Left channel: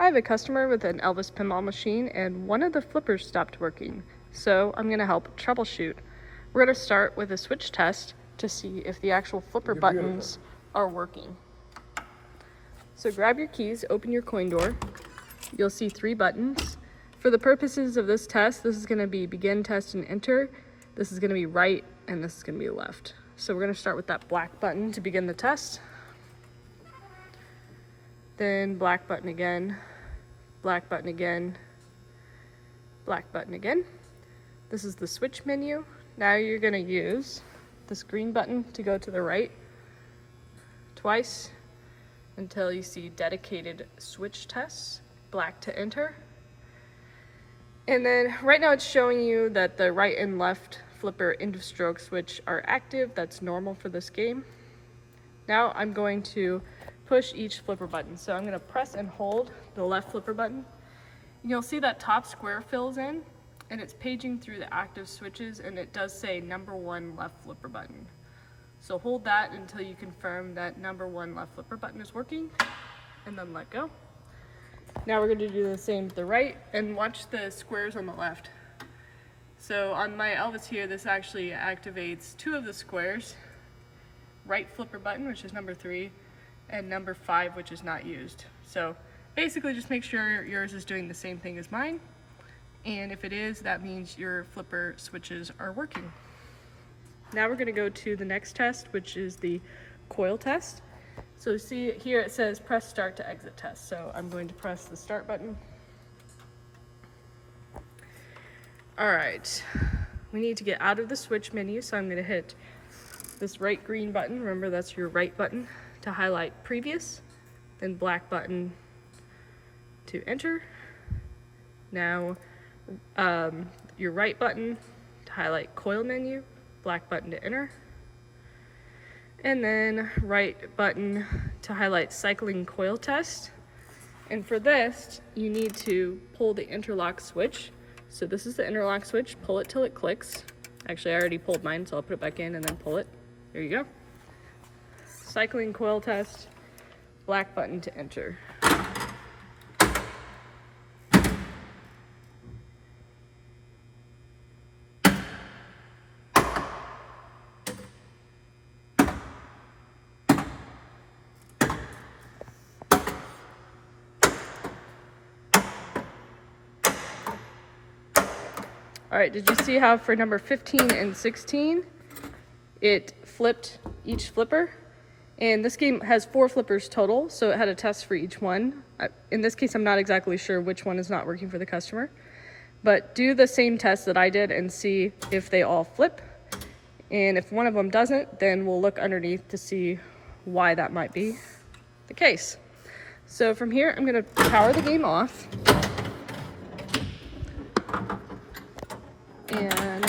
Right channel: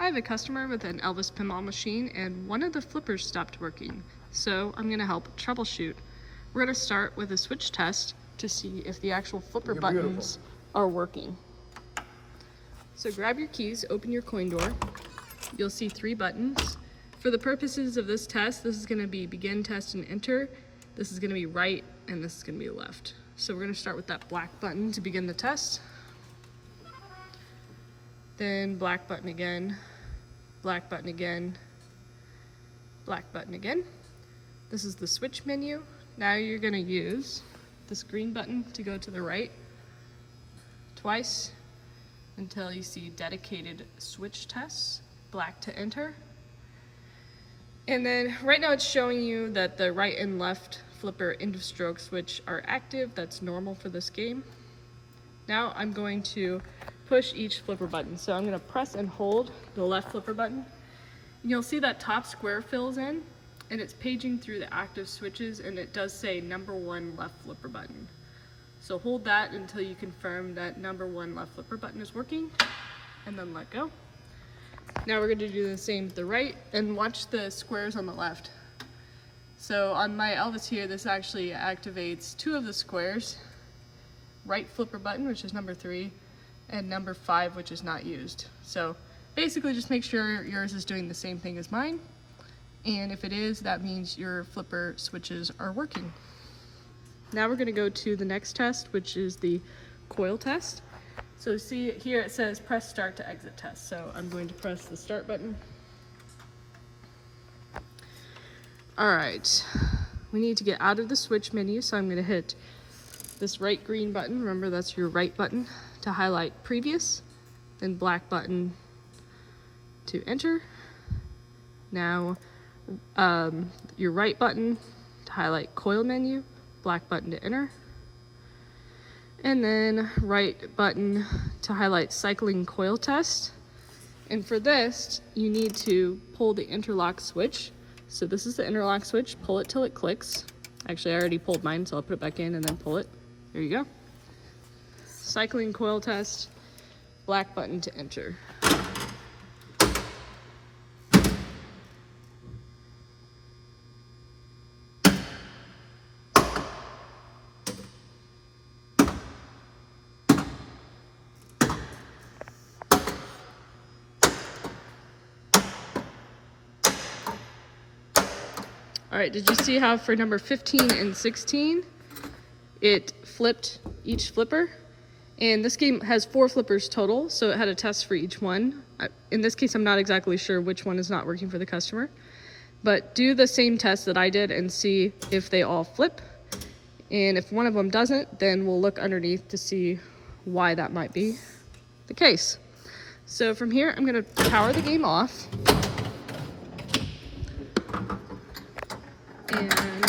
I have a customer with an Elvis pinball machine and one of the flippers stopped working, so I'm going to help troubleshoot. We're going to start with a switch test to see if the actual flipper buttons are working. So grab your keys, open your coin door. You'll see 3 buttons. For the purposes of this test, this is going to be begin, test, and enter. This is going to be right, and this is going to be left. So we're going to start with that black button to begin the test. Then black button again, black button again, black button again. This is the switch menu. Now you're going to use this green button to go to the right twice until you see dedicated switch tests, black to enter. And then right now it's showing you that the right and left flipper into stroke switch are active. That's normal for this game. Now I'm going to push each flipper button. So I'm going to press and hold the left flipper button. And you'll see that top square fills in and it's paging through the active switches, and it does say number 1 left flipper button. So hold that until you confirm that number 1 left flipper button is working, and then let go. Now we're going to do the same with the right, and watch the squares on the left. So on my Elvis here, this actually activates 2 of the squares. Right flipper button, which is number 3, and number 5, which is not used. So basically just make sure yours is doing the same thing as mine. And if it is, that means your flipper switches are working. Now we're going to go to the next test, which is the coil test. So see here it says press start to exit test. So I'm going to press the start button. All right, we need to get out of the switch menu, so I'm going to hit this right green button. Remember, that's your right button to highlight previous, then black button to enter. Now your right button to highlight coil menu, black button to enter, and then right button to highlight cycling coil test. And for this, you need to pull the interlock switch. So this is the interlock switch, pull it till it clicks. Actually, I already pulled mine, so I'll put it back in and then pull it. There you go. Cycling coil test, black button to enter. All right, did you see how for number 15 and 16, it flipped each flipper? And this game has 4 flippers total, so it had a test for each one. In this case, I'm not exactly sure which one is not working for the customer. But do the same test that I did and see if they all flip. And if one of them doesn't, then we'll look underneath to see why that might be the case. So from here, I'm going to power the game off. And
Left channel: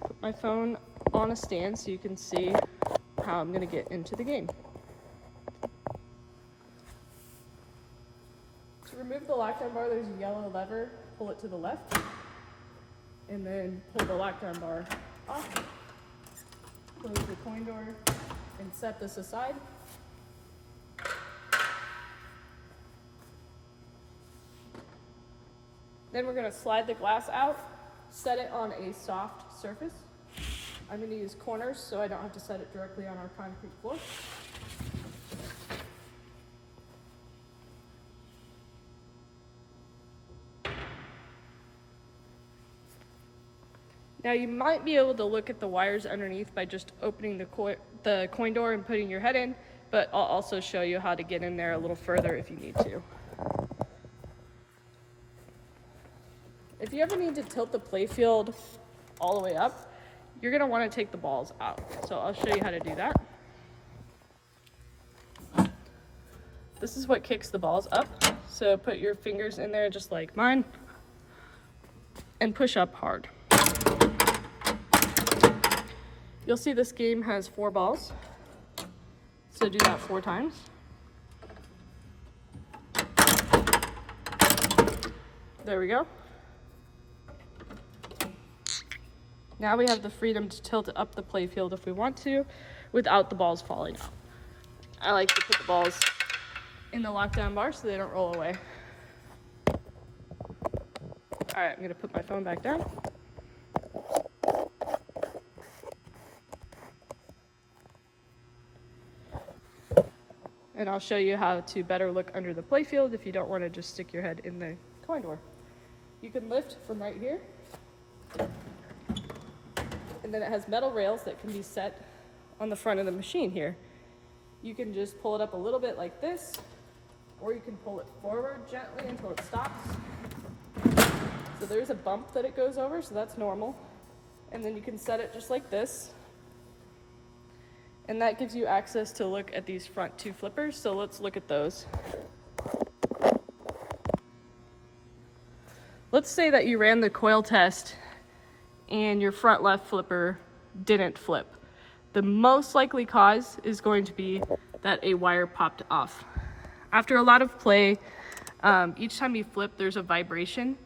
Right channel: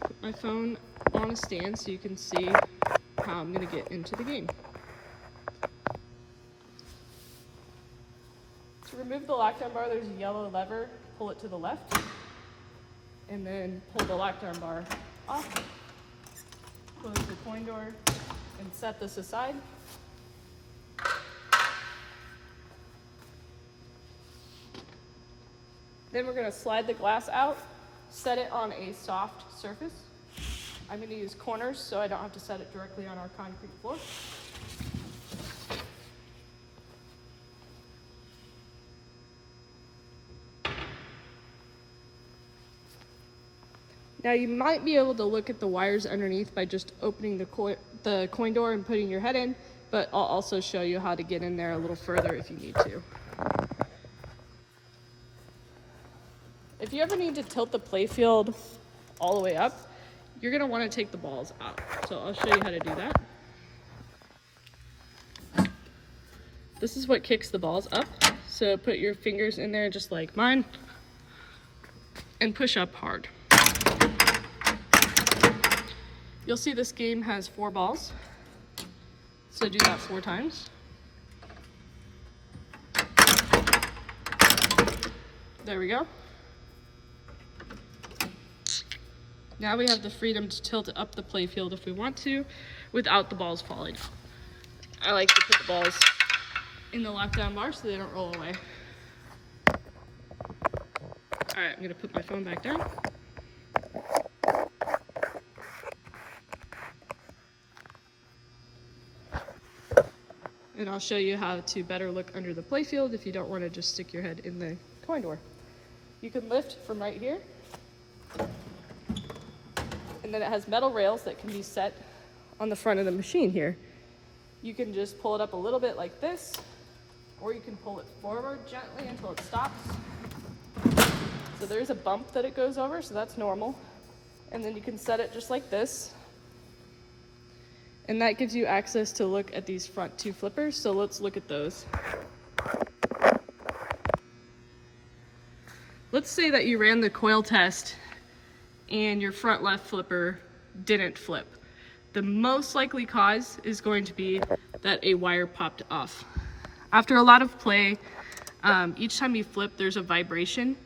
put my phone on a stand so you can see how I'm going to get into the game. To remove the lockdown bar, there's a yellow lever. Pull it to the left, and then pull the lockdown bar off. Close the coin door and set this aside. Then we're going to slide the glass out, set it on a soft surface. I'm going to use corners so I don't have to set it directly on our concrete floor. Now you might be able to look at the wires underneath by just opening the coin door and putting your head in, but I'll also show you how to get in there a little further if you need to. If you ever need to tilt the playfield all the way up, you're going to want to take the balls out. So I'll show you how to do that. This is what kicks the balls up. So put your fingers in there just like mine and push up hard. You'll see this game has 4 balls. So do that 4 times. There we go. Now we have the freedom to tilt it up the playfield if we want to, without the balls falling out. I like to put the balls in the lockdown bar so they don't roll away. All right, I'm gonna put my phone back down. And I'll show you how to better look under the Playfield if you don't want to just stick your head in the coin door. You can lift from right here. And then it has metal rails that can be set on the front of the machine here. You can just pull it up a little bit like this, or you can pull it forward gently until it stops. So there's a bump that it goes over, so that's normal. And then you can set it just like this. And that gives you access to look at these front two flippers, so let's look at those. Let's say that you ran the coil test and your front left flipper didn't flip. The most likely cause is going to be that a wire popped off. After a lot of play, each time you flip, there's a vibration,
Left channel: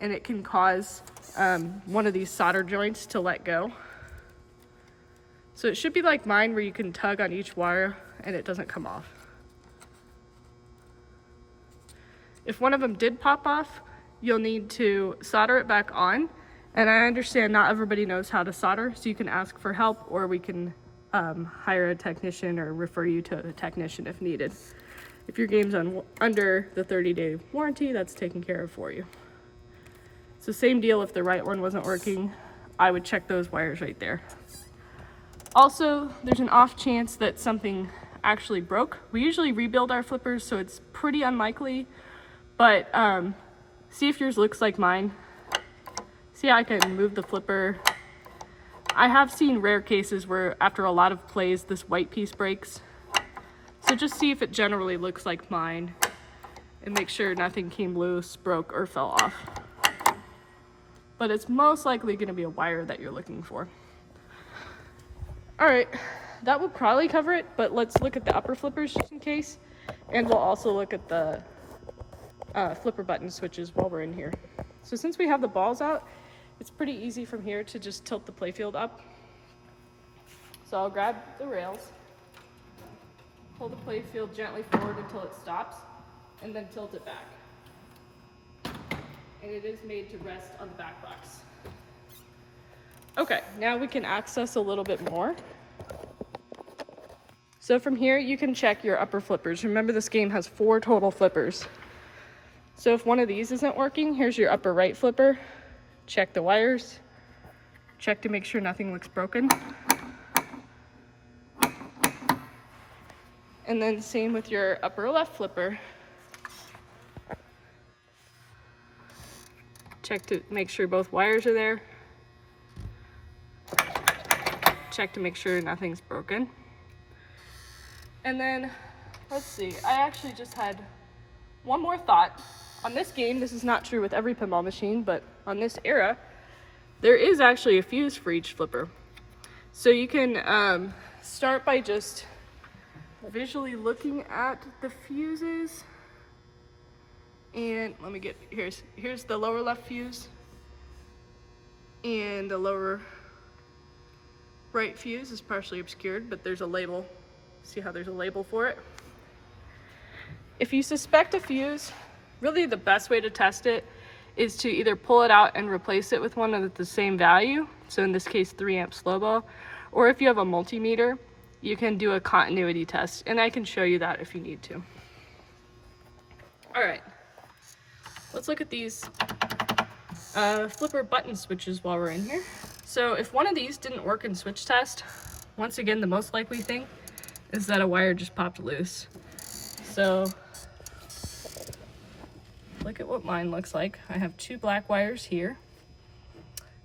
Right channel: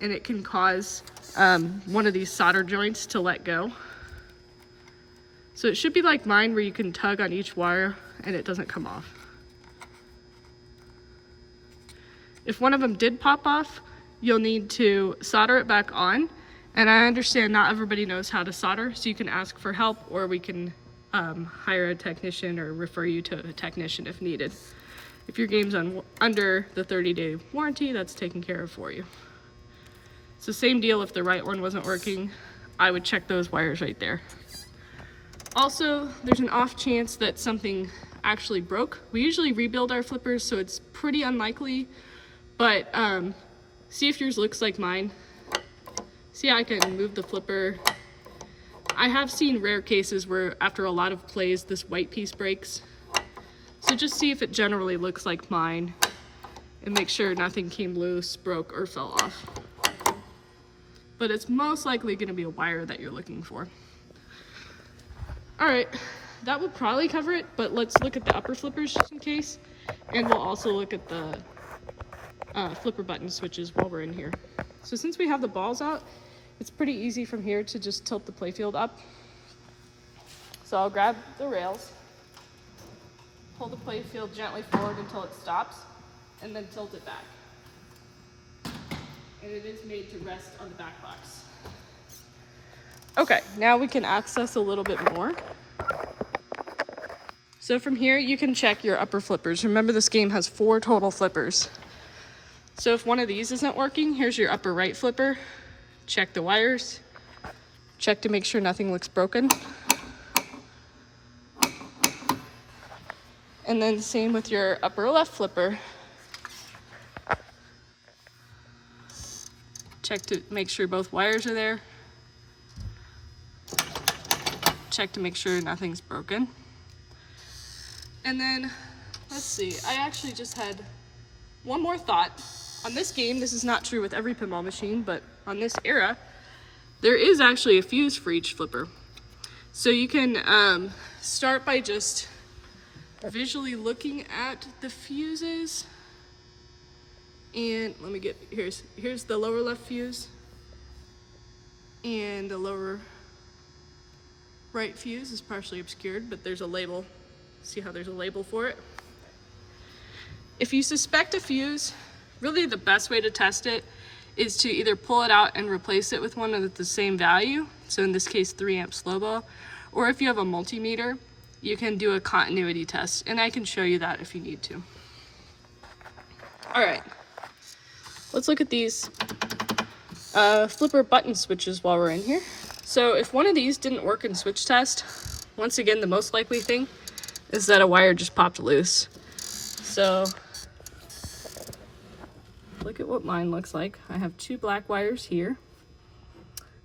and it can cause one of these solder joints to let go. So it should be like mine, where you can tug on each wire and it doesn't come off. If one of them did pop off, you'll need to solder it back on. And I understand not everybody knows how to solder, so you can ask for help, or we can hire a technician or refer you to a technician if needed. If your game's under the 30-day warranty, that's taken care of for you. So same deal, if the right one wasn't working, I would check those wires right there. Also, there's an off chance that something actually broke. We usually rebuild our flippers, so it's pretty unlikely, but see if yours looks like mine. See, I can move the flipper. I have seen rare cases where after a lot of plays, this white piece breaks. So just see if it generally looks like mine and make sure nothing came loose, broke, or fell off. But it's most likely gonna be a wire that you're looking for. All right, that will probably cover it, but let's look at the upper flippers just in case. And we'll also look at the flipper button switches while we're in here. So since we have the balls out, it's pretty easy from here to just tilt the Playfield up. So I'll grab the rails, pull the Playfield gently forward until it stops, and then tilt it back. And it is made to rest on the back box. Okay, now we can access a little bit more. So from here, you can check your upper flippers. Remember, this game has 4 total flippers. So if one of these isn't working, here's your upper right flipper. Check the wires. Check to make sure nothing looks broken. And then same with your upper left flipper. Check to make sure both wires are there. Check to make sure nothing's broken. And then, let's see, I actually just had one more thought. On this game, this is not true with every pinball machine, but on this era, there is actually a fuse for each flipper. So you can start by just visually looking at the fuses. And let me get, here's the lower left fuse and the lower right fuse is partially obscured, but there's a label. See how there's a label for it? If you suspect a fuse, really the best way to test it is to either pull it out and replace it with one at the same value. So in this case, 3 amp slow ball. Or if you have a multimeter, you can do a continuity test, and I can show you that if you need to. All right, let's look at these flipper button switches while we're in here. So if one of these didn't work in switch test, once again, the most likely thing is that a wire just popped loose. So look at what mine looks like. I have 2 black wires here.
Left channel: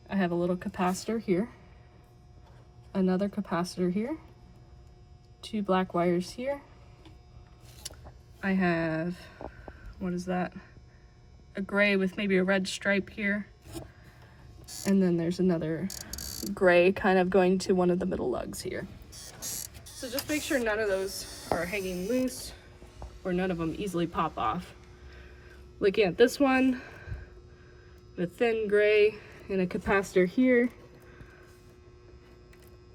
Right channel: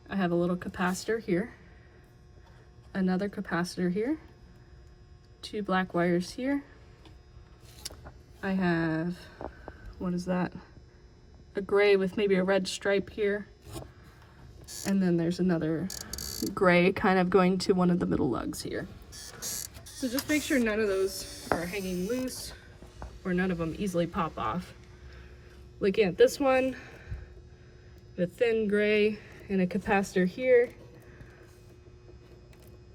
I have a little capacitor here, another capacitor here, 2 black wires here. I have, what is that? A gray with maybe a red stripe here. And then there's another gray kind of going to one of the middle lugs here. So just make sure none of those are hanging loose or none of them easily pop off. Looking at this one, a thin gray and a capacitor here,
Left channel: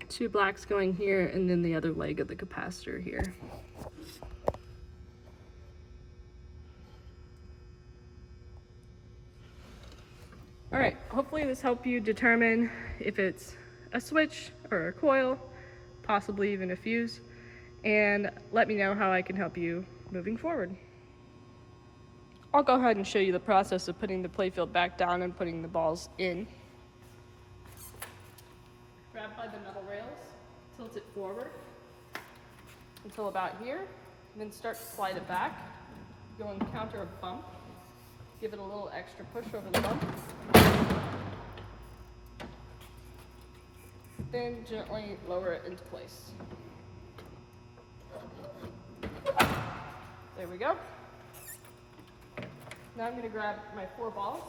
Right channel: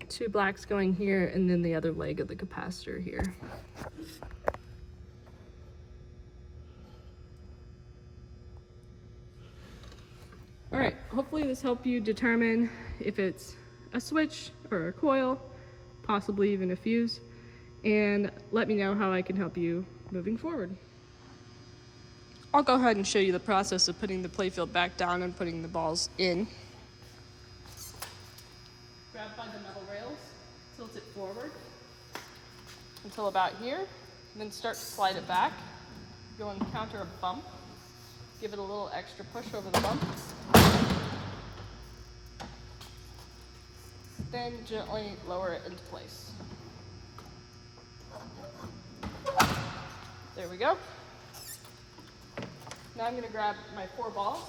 2 blacks going here, and then the other leg of the capacitor here. All right, hopefully this helped you determine if it's a switch or a coil, possibly even a fuse, and let me know how I can help you moving forward. I'll go ahead and show you the process of putting the playfield back down and putting the balls in. Grab by the metal rails, tilt it forward until about here, and then start to slide it back. You'll encounter a bump. Give it a little extra push over the bump. Then gently lower it into place. There we go. Now I'm going to grab my 4 balls.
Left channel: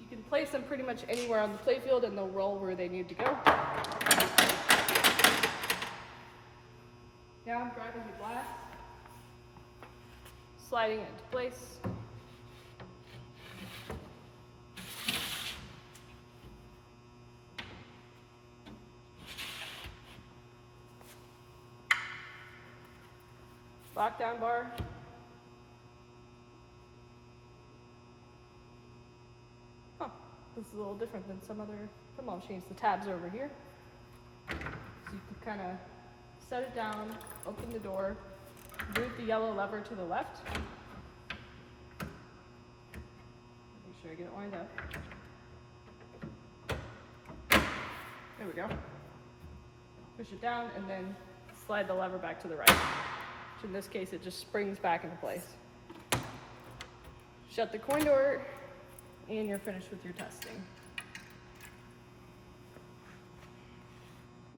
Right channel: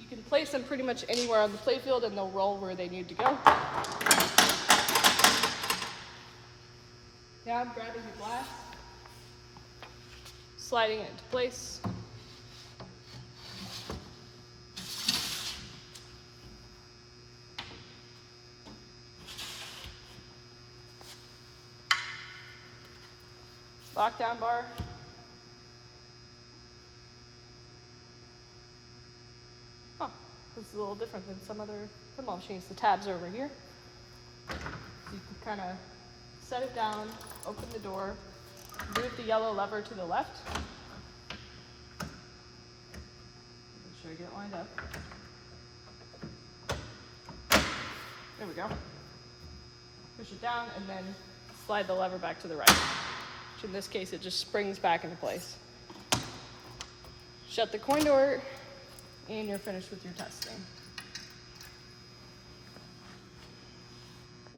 You can place them pretty much anywhere on the playfield and they'll roll where they need to go. Now I'm grabbing the glass, sliding it into place. Lockdown bar. Huh, this is a little different than some other pinball machines. The tabs are over here. So you can kind of set it down, open the door, move the yellow lever to the left. Make sure I get it lined up. There we go. Push it down and then slide the lever back to the right. Which in this case, it just springs back into place. Shut the coin door and you're finished with your testing.